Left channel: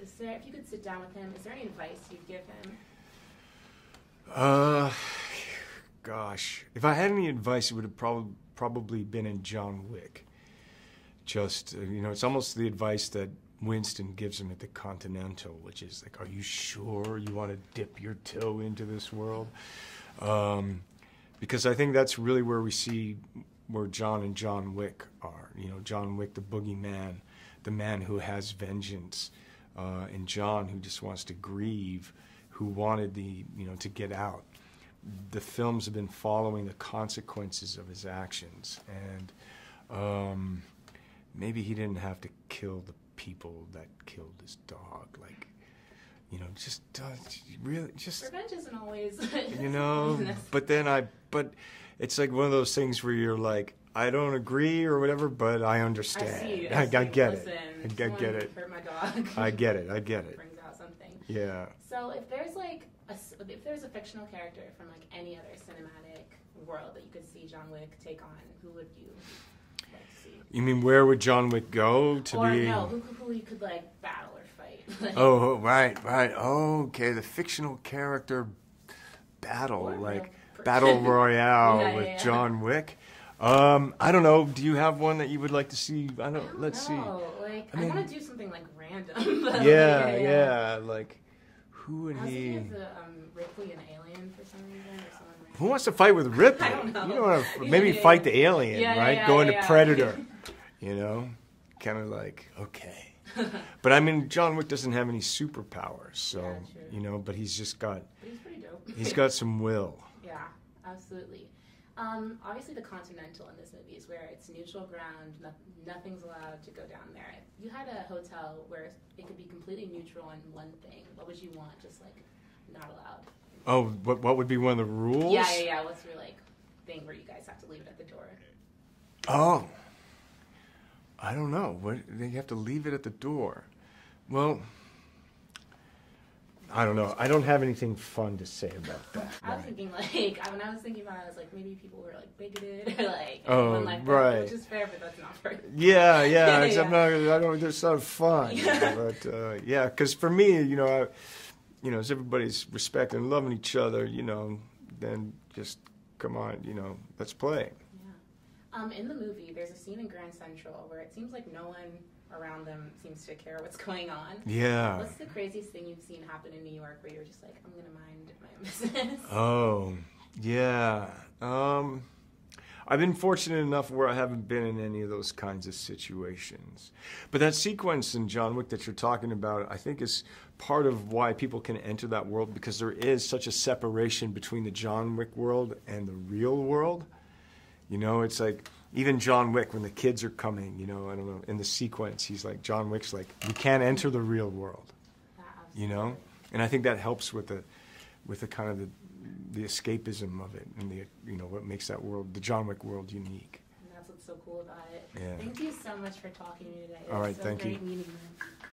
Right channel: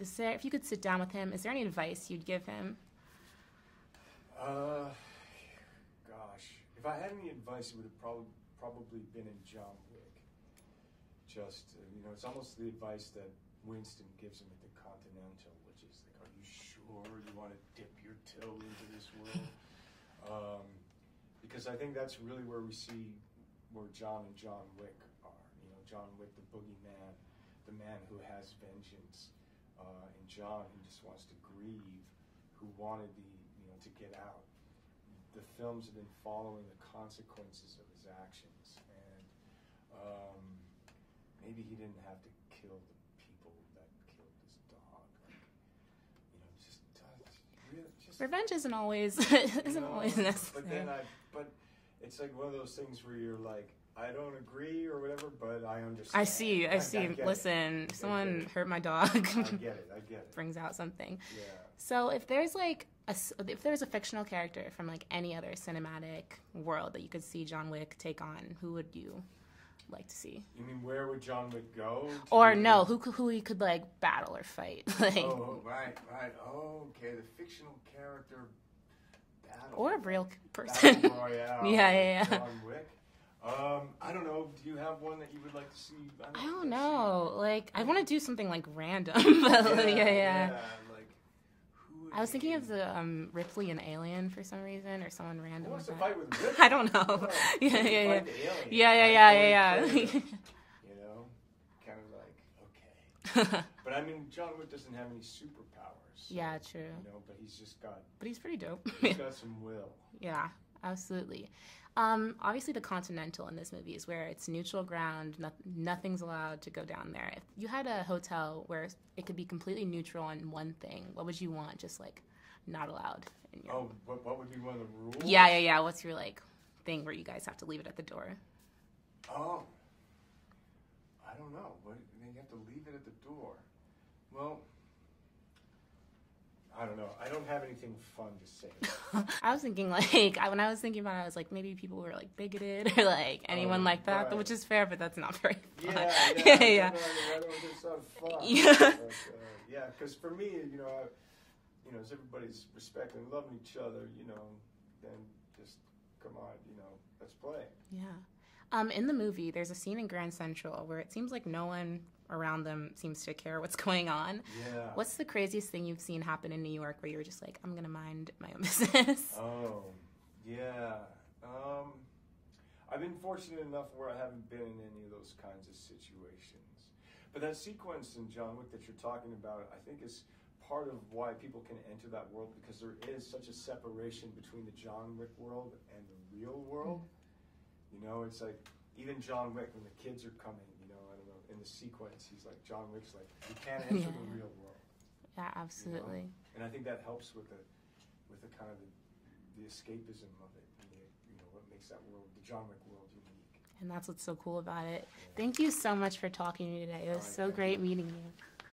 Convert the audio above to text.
Is there, if you could sit down with him, is there any advice you'd give him? Gosh, if I had any advice, it would have probably been in John Wick. Just, it's almost the advice that Winston gives him at the Continental, which is like, are you sure you want to dip your toe into this world? Because I think that's really where we see where John and John Wick are. John Wick, the boogeyman, the man who has vengeance, and John, who just wants to grieve, who wanted to get out. The films have been following the consequences of his actions, and maybe he didn't have to kill the people that killed his dog. Revenge isn't always, but it's like one of those things where you're like, I don't agree or whatever, but I understand. I get it. Someone hurt my dog. I get it. Brings out something. Yeah. So if there's a fictional character from like any other cinematic world that you could see John Wick take on, who would you like to see? You mean where would John Wick go? Who he could like battle or fight? Oh, right. Oh, okay, the fictional character battle, or like Battle Royale with John Wick. I don't know. Do you have one that you would like to see? I don't know. I want to do something like random. But like who would I was thinking of the Ripley and Alien for some reason, or someone random. Who wants to fight with Ripley? I don't know. Maybe fight the alien, right? Go into Predator. Kind of like, okay. But I mean, John Wick doesn't have any superpowers, so yeah, true. But he's just got. But he's pretty dope. He's got some will. Yeah, absolutely. Obviously, the Continental in this movie is where it's neutral ground. Nothing's allowed to go down there. If you had a hotel where it could be completely neutral on one thing, what would you want? Just like not allowed. Oh, what would be one of the rules? Yeah. What's your thing where you guys have to leave it at the door? Oh, I don't know. They have to leave it at the door. Well, I don't know. I don't have anything fun to say about that. I was thinking when I was thinking about it, I was like, maybe people were bigoted or anyone like that, right. Which is fair, but that's not fair. Yeah. It's not fun. Yeah. But because for me, as everybody's respecting and loving each other, then just come on, let's play. Yeah. In the movie, there's a scene in Grand Central where it seems like no one around them seems to care what's going on. Yeah. What's the craziest thing you've seen happen in New York where you're just like, I'm going to mind my own business? Oh, yeah. I've been fortunate enough where I haven't been in any of those kinds of situations. But that sequence in John Wick that you're talking about, I think is part of why people can enter that world, because there is such a separation between the John Wick world and the real world. It's like, even John Wick, when the kids are coming, I don't know, in the sequence, he's like, John Wick's like, you can't enter the real world. Yeah, absolutely. And I think that helps with the kind of the escapism of it, and what makes that world, the John Wick world, unique. And that's what's so cool about it. Yeah. Thank you so much for talking to me today. It was All right, so great meeting you.